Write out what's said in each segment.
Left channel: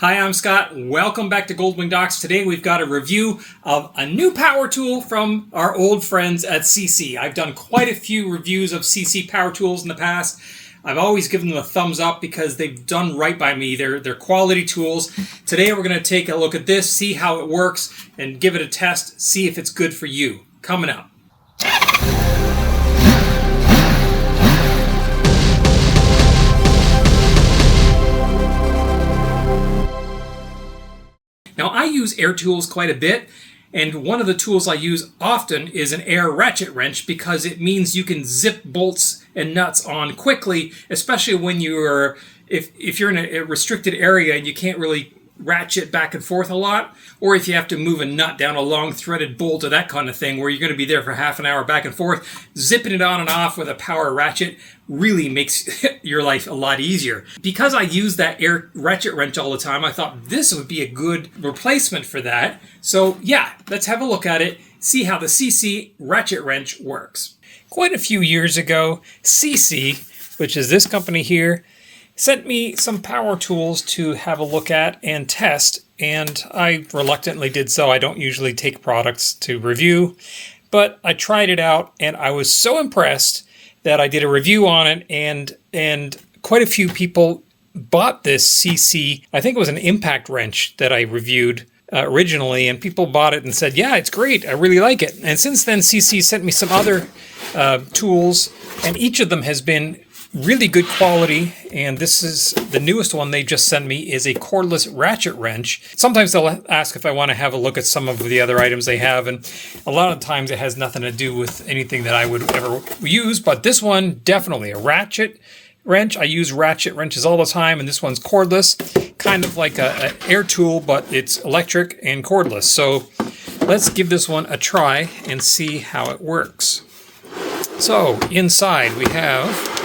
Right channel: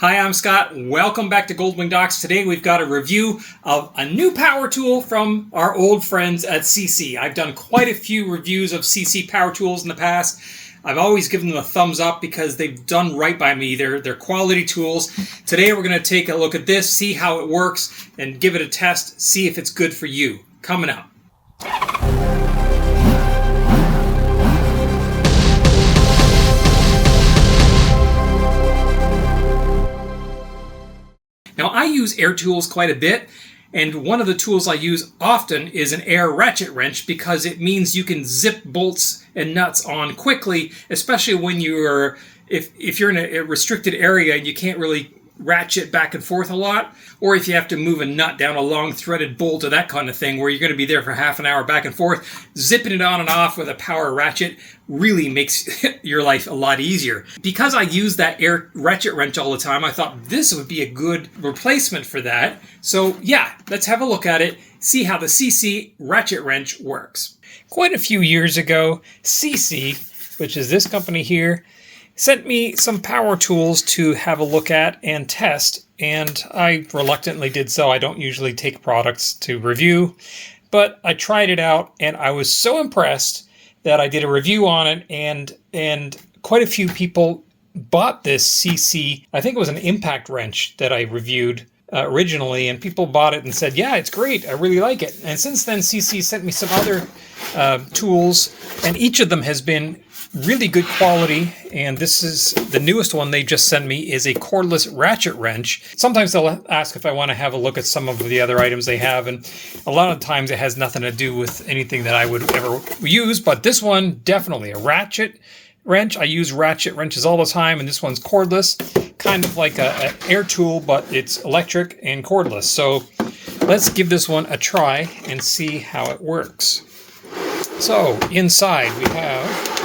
Hi, I'm Scott. Welcome back to Goldwing Docs. Today we've got a review of a new power tool from our old friends at SeeSii. I've done quite a few reviews of SeeSii power tools in the past. I've always given them a thumbs up because they've done right by me. They're quality tools. Today we're going to take a look at this, see how it works, and give it a test, see if it's good for you. Coming up. Now, I use air tools quite a bit, and one of the tools I use often is an air ratchet wrench because it means you can zip bolts and nuts on quickly, especially when you're if you're in a restricted area and you can't really ratchet back and forth a lot, or if you have to move a nut down a long threaded bolt or that kind of thing where you're going to be there for half an hour back and forth. Zipping it on and off with a power ratchet really makes your life a lot easier. Because I use that air ratchet wrench all the time, I thought this would be a good replacement for that. So yeah, let's have a look at it, see how the SeeSii ratchet wrench works. Quite a few years ago, SeeSii, which is this company here, sent me some power tools to have a look at and test, and I reluctantly did so. I don't usually take products to review, but I tried it out and I was so impressed that I did a review on it, and quite a few people bought this SeeSii. I think it was an impact wrench that I reviewed originally, and people bought it and said, yeah, it's great, I really like it. And since then, SeeSii sent me some other tools, and each of them has been really good quality, and this is the newest one they just sent me is a cordless ratchet wrench. Sometimes they'll ask if I want to have a look at some of the other items they have, and a lot of times it has nothing to do with anything that I would ever use, but this one, definitely a ratchet wrench. I use ratchet wrenches all the time, and this one's cordless, kind of like an air tool, but it's electric and cordless. So let's give this one a try and see how it works. So inside we have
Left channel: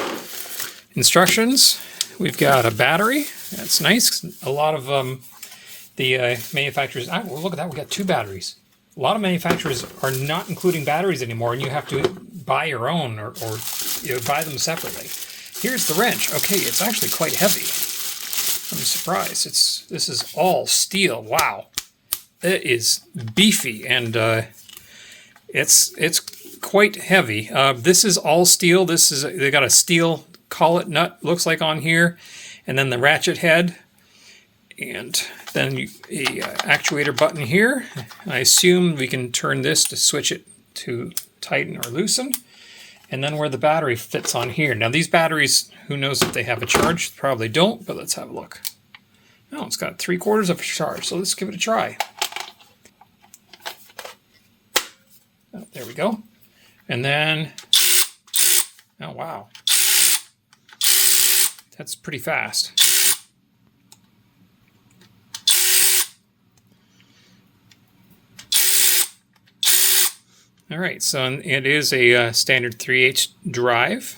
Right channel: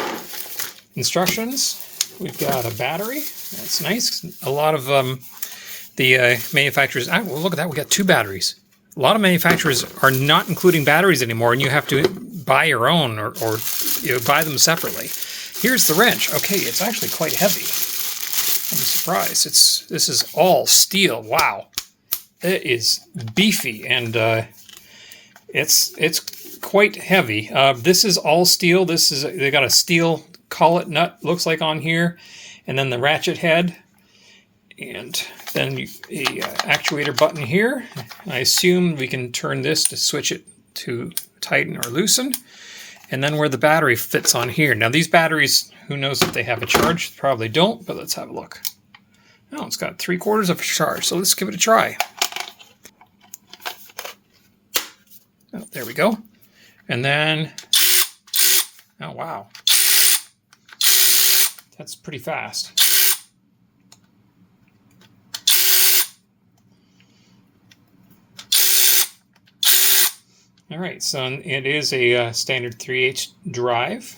instructions. We've got a battery. That's nice. A lot of the manufacturers, look at that, we got two batteries. A lot of manufacturers are not including batteries anymore, and you have to buy your own or buy them separately. Here's the wrench. Okay, it's actually quite heavy. I'm surprised. This is all steel. Wow. It is beefy, and it's quite heavy. This is all steel. They got a steel collet nut, looks like, on here, and then the ratchet head, and then a actuator button here. I assume we can turn this to switch it to tighten or loosen, and then where the battery fits on here. Now these batteries, who knows if they have a charge? Probably don't, but let's have a look. Oh, it's got 3/4 of a charge, so let's give it a try. Oh, there we go. And then, oh wow, that's pretty fast. All right, so it is a standard 3/8 drive.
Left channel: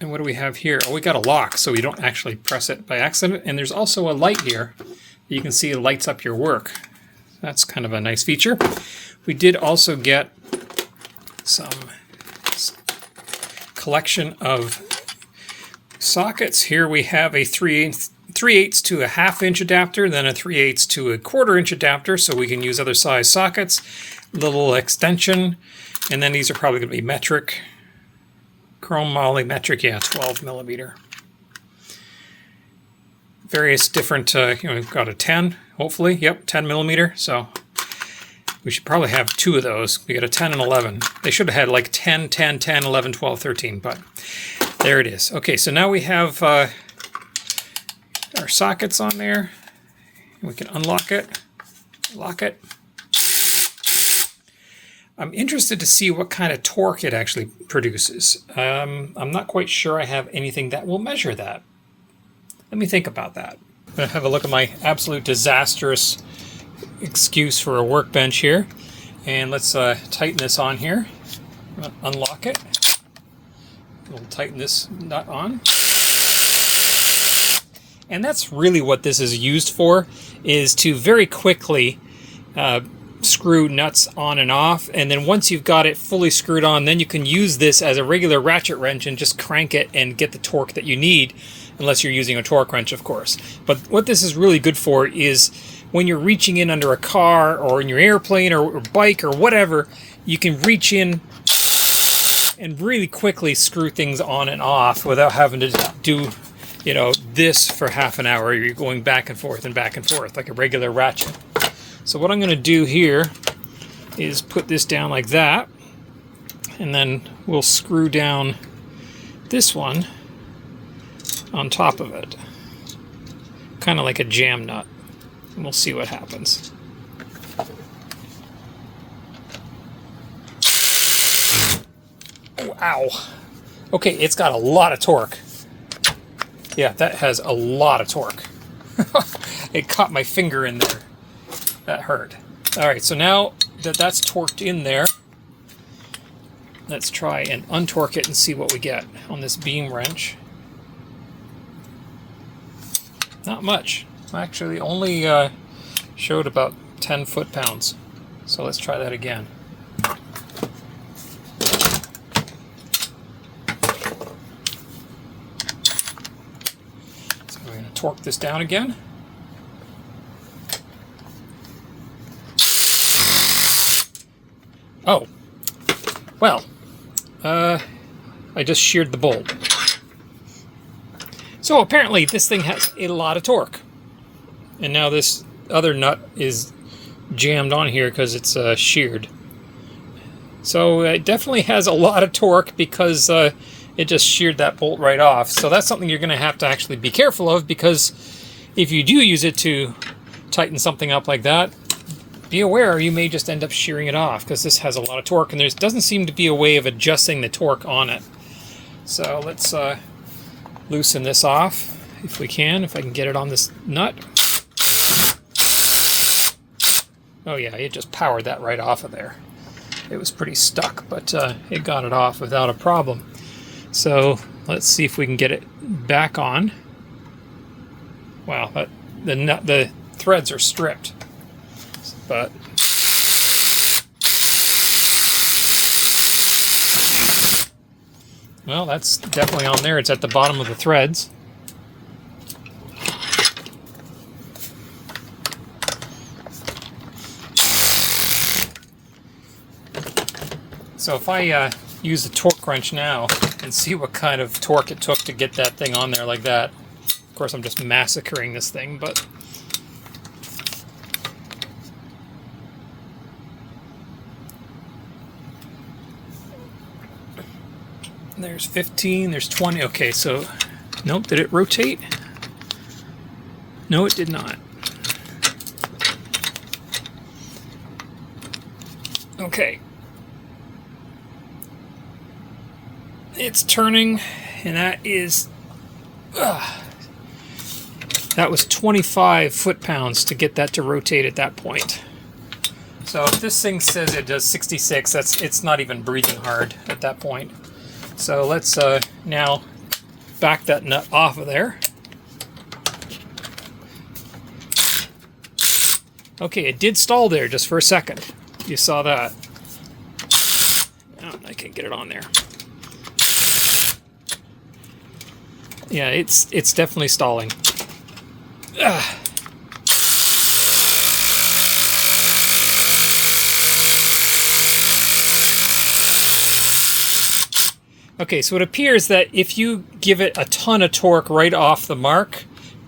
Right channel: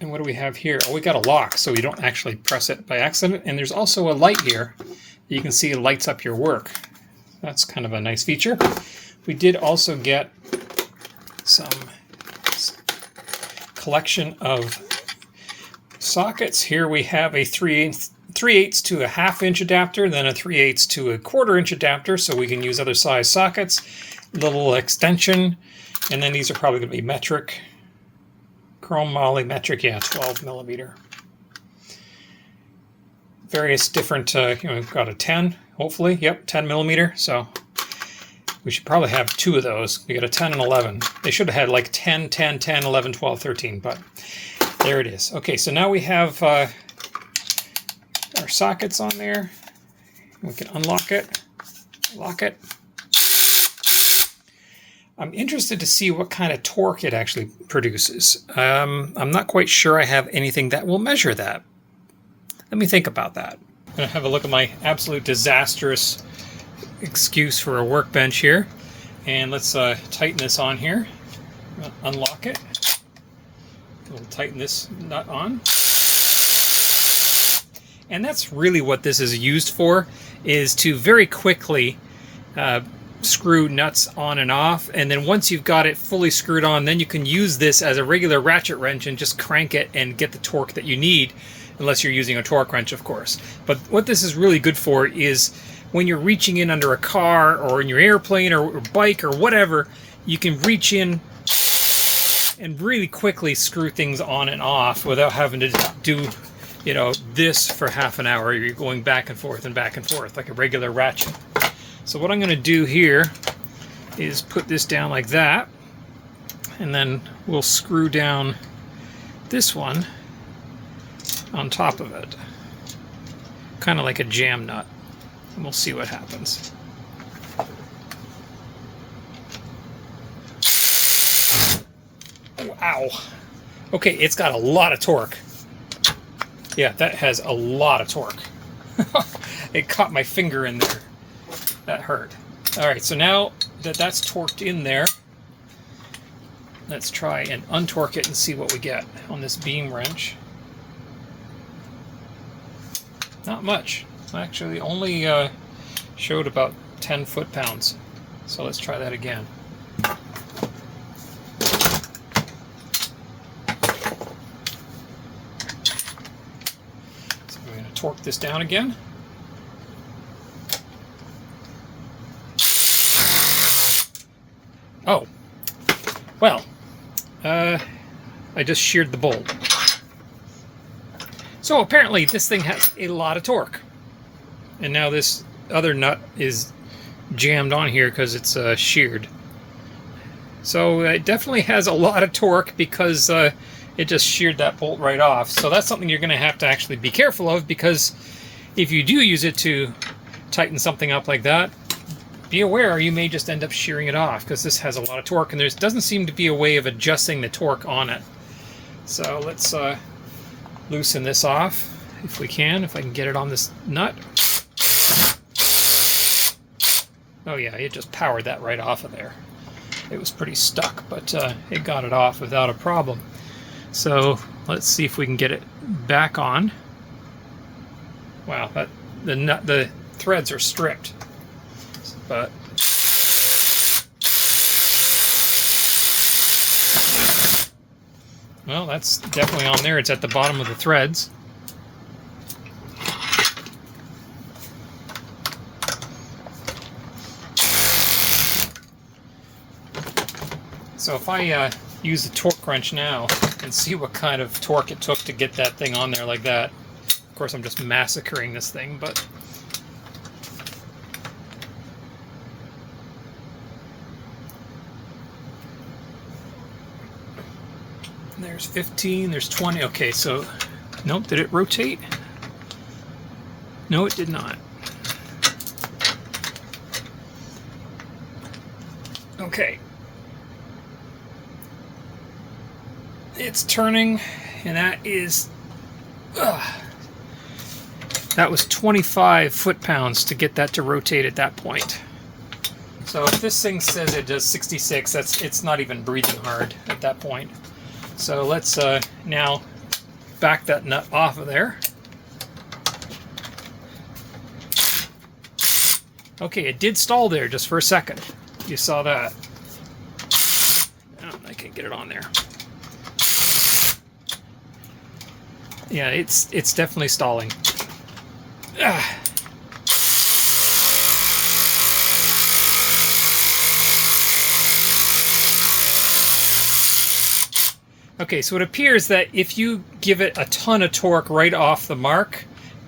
And what do we have here? Oh, we got a lock, so you don't actually press it by accident. And there's also a light here that you can see it lights up your work. That's kind of a nice feature. We did also get some collection of sockets. Here we have a 3/8 to a 1/2 inch adapter, then a 3/8 to a 1/4 inch adapter, so we can use other size sockets. Little extension, and then these are probably going to be metric, chrome moly metric, yeah, 12 millimeter. Various different, we've got a 10, hopefully, yep, 10 millimeter, so we should probably have two of those. We got a 10 and 11. They should have had like 10, 10, 10, 11, 12, 13, but there it is. Okay, so now we have our sockets on there. We can unlock it, lock it. I'm interested to see what kind of torque it actually produces. I'm not quite sure I have anything that will measure that. Let me think about that. I'm going to have a look at my absolute disastrous excuse for a workbench here, and let's tighten this on here. Unlock it. We'll tighten this nut on, and that's really what this is used for, is to very quickly screw nuts on and off, and then once you've got it fully screwed on, then you can use this as a regular ratchet wrench and just crank it and get the torque that you need, unless you're using a torque wrench, of course. But what this is really good for is when you're reaching in under a car or in your airplane or bike or whatever, you can reach in and really quickly screw things on and off without having to do, you know, this for half an hour. You're going back and forth like a regular ratchet. So what I'm going to do here is put this down like that, and then we'll screw down this one on top of it, kind of like a jam nut, and we'll see what happens. Oh, ow. Okay, it's got a lot of torque. Yeah, that has a lot of torque. It caught my finger in there. That hurt. Alright, so now that that's torqued in there, let's try and untorque it and see what we get on this beam wrench. Not much. Actually, only showed about 10 foot-pounds. So let's try that again. So we're going to torque this down again. Oh, well, I just sheared the bolt. So apparently this thing has a lot of torque. And now this other nut is jammed on here because it's sheared. So it definitely has a lot of torque because it just sheared that bolt right off. So that's something you're going to have to actually be careful of, because if you do use it to tighten something up like that, be aware you may just end up shearing it off, because this has a lot of torque and there doesn't seem to be a way of adjusting the torque on it. So let's loosen this off if we can, if I can get it on this nut. Oh yeah, it just powered that right off of there. It was pretty stuck, but it got it off without a problem. So let's see if we can get it back on. Wow, the threads are stripped. But well, that's definitely on there. It's at the bottom of the threads. So if I use the torque wrench now and see what kind of torque it took to get that thing on there like that. Of course, I'm just massacring this thing, but there's 15, there's 20. Okay, so nope, did it rotate? No, it did not. Okay. It's turning, and that is that was 25 foot-pounds to get that to rotate at that point. So if this thing says it does 66, it's not even breathing hard at that point. So let's now back that nut off of there. Okay, it did stall there just for a second. You saw that. Oh, I can't get it on there. Yeah, it's definitely stalling. Ah. Okay, so it appears that if you give it a ton of torque right off the mark,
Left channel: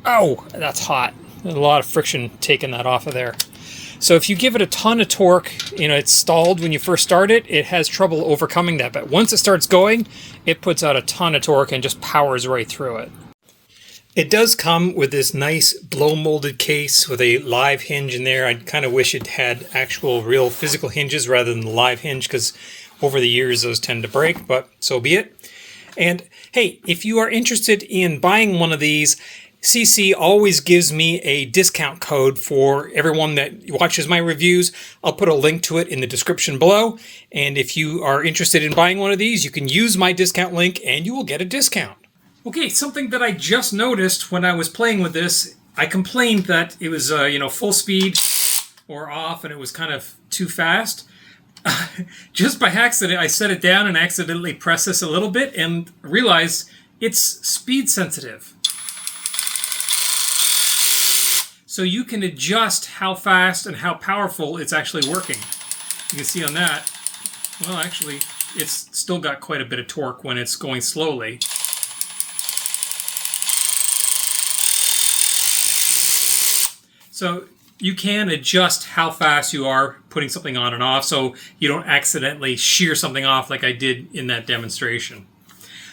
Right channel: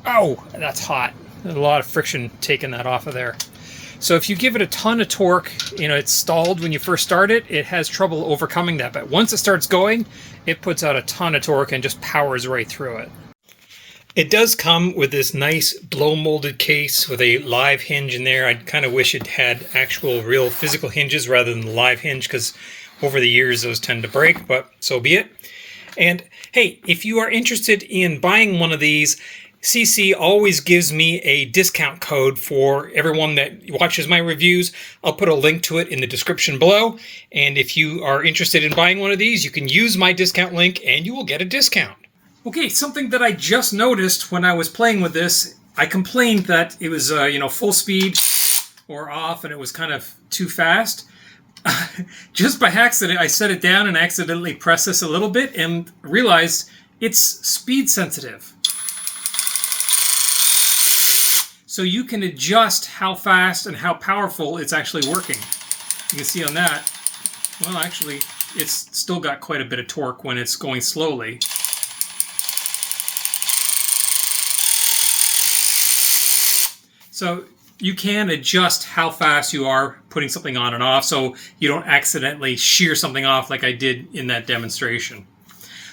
oh, that's hot. There's a lot of friction taking that off of there. So if you give it a ton of torque, you know, it's stalled when you first start it, it has trouble overcoming that. But once it starts going, it puts out a ton of torque and just powers right through it. It does come with this nice blow-molded case with a live hinge in there. I kind of wish it had actual real physical hinges rather than the live hinge, because over the years those tend to break, but so be it. And hey, if you are interested in buying one of these, SeeSii always gives me a discount code for everyone that watches my reviews. I'll put a link to it in the description below. And if you are interested in buying one of these, you can use my discount link and you will get a discount. Okay, something that I just noticed when I was playing with this, I complained that it was, full speed, or off and it was kind of too fast. Just by accident, I set it down and accidentally pressed this a little bit and realized it's speed sensitive. So you can adjust how fast and how powerful it's actually working. You can see on that, well, actually, it's still got quite a bit of torque when it's going slowly. So you can adjust how fast you are putting something on and off so you don't accidentally shear something off like I did in that demonstration.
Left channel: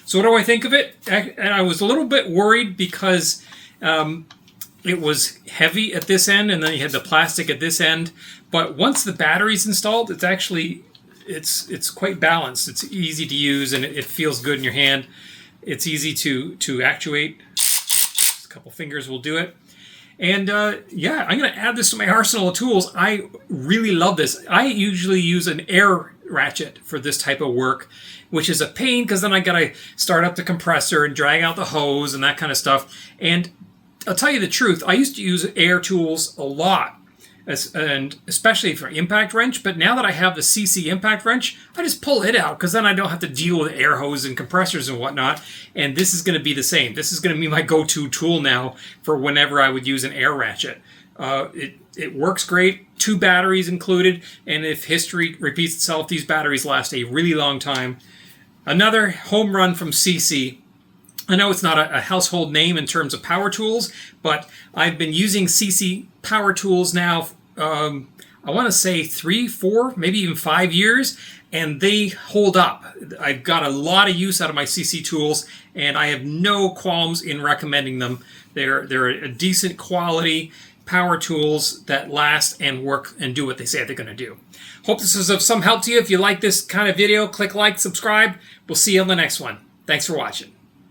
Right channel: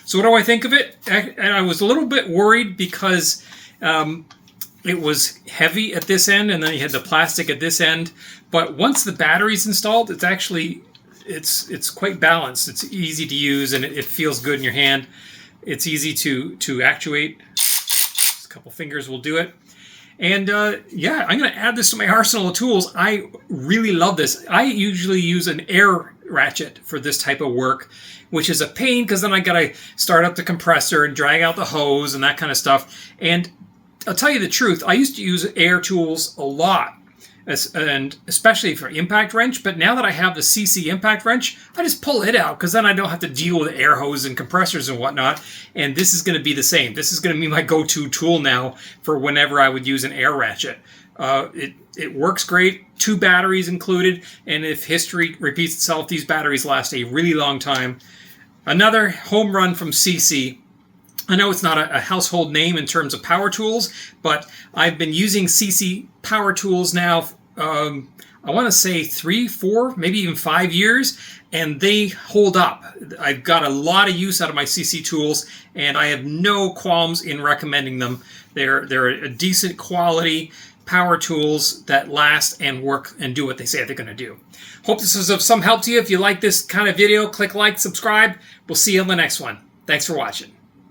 So what do I think of it? And I was a little bit worried because it was heavy at this end and then you had the plastic at this end. But once the battery's installed, it's actually, it's quite balanced. It's easy to use and it feels good in your hand. It's easy to actuate. Just a couple fingers will do it. And yeah, I'm going to add this to my arsenal of tools. I really love this. I usually use an air ratchet for this type of work, which is a pain because then I got to start up the compressor and drag out the hose and that kind of stuff. And I'll tell you the truth, I used to use air tools a lot, and especially for impact wrench. But now that I have the SeeSii impact wrench, I just pull it out because then I don't have to deal with air hose and compressors and whatnot. And this is going to be the same. This is going to be my go-to tool now for whenever I would use an air ratchet. It works great, 2 batteries included, and if history repeats itself, these batteries last a really long time. Another home run from SeeSii. I know it's not a household name in terms of power tools, but I've been using SeeSii power tools now, I want to say 3, 4, maybe even 5 years, and they hold up. I've got a lot of use out of my SeeSii tools, and I have no qualms in recommending them. They're a decent quality power tools that last and work and do what they say they're going to do. Hope this was of some help to you. If you like this kind of video, click like, subscribe. We'll see you on the next one. Thanks for watching.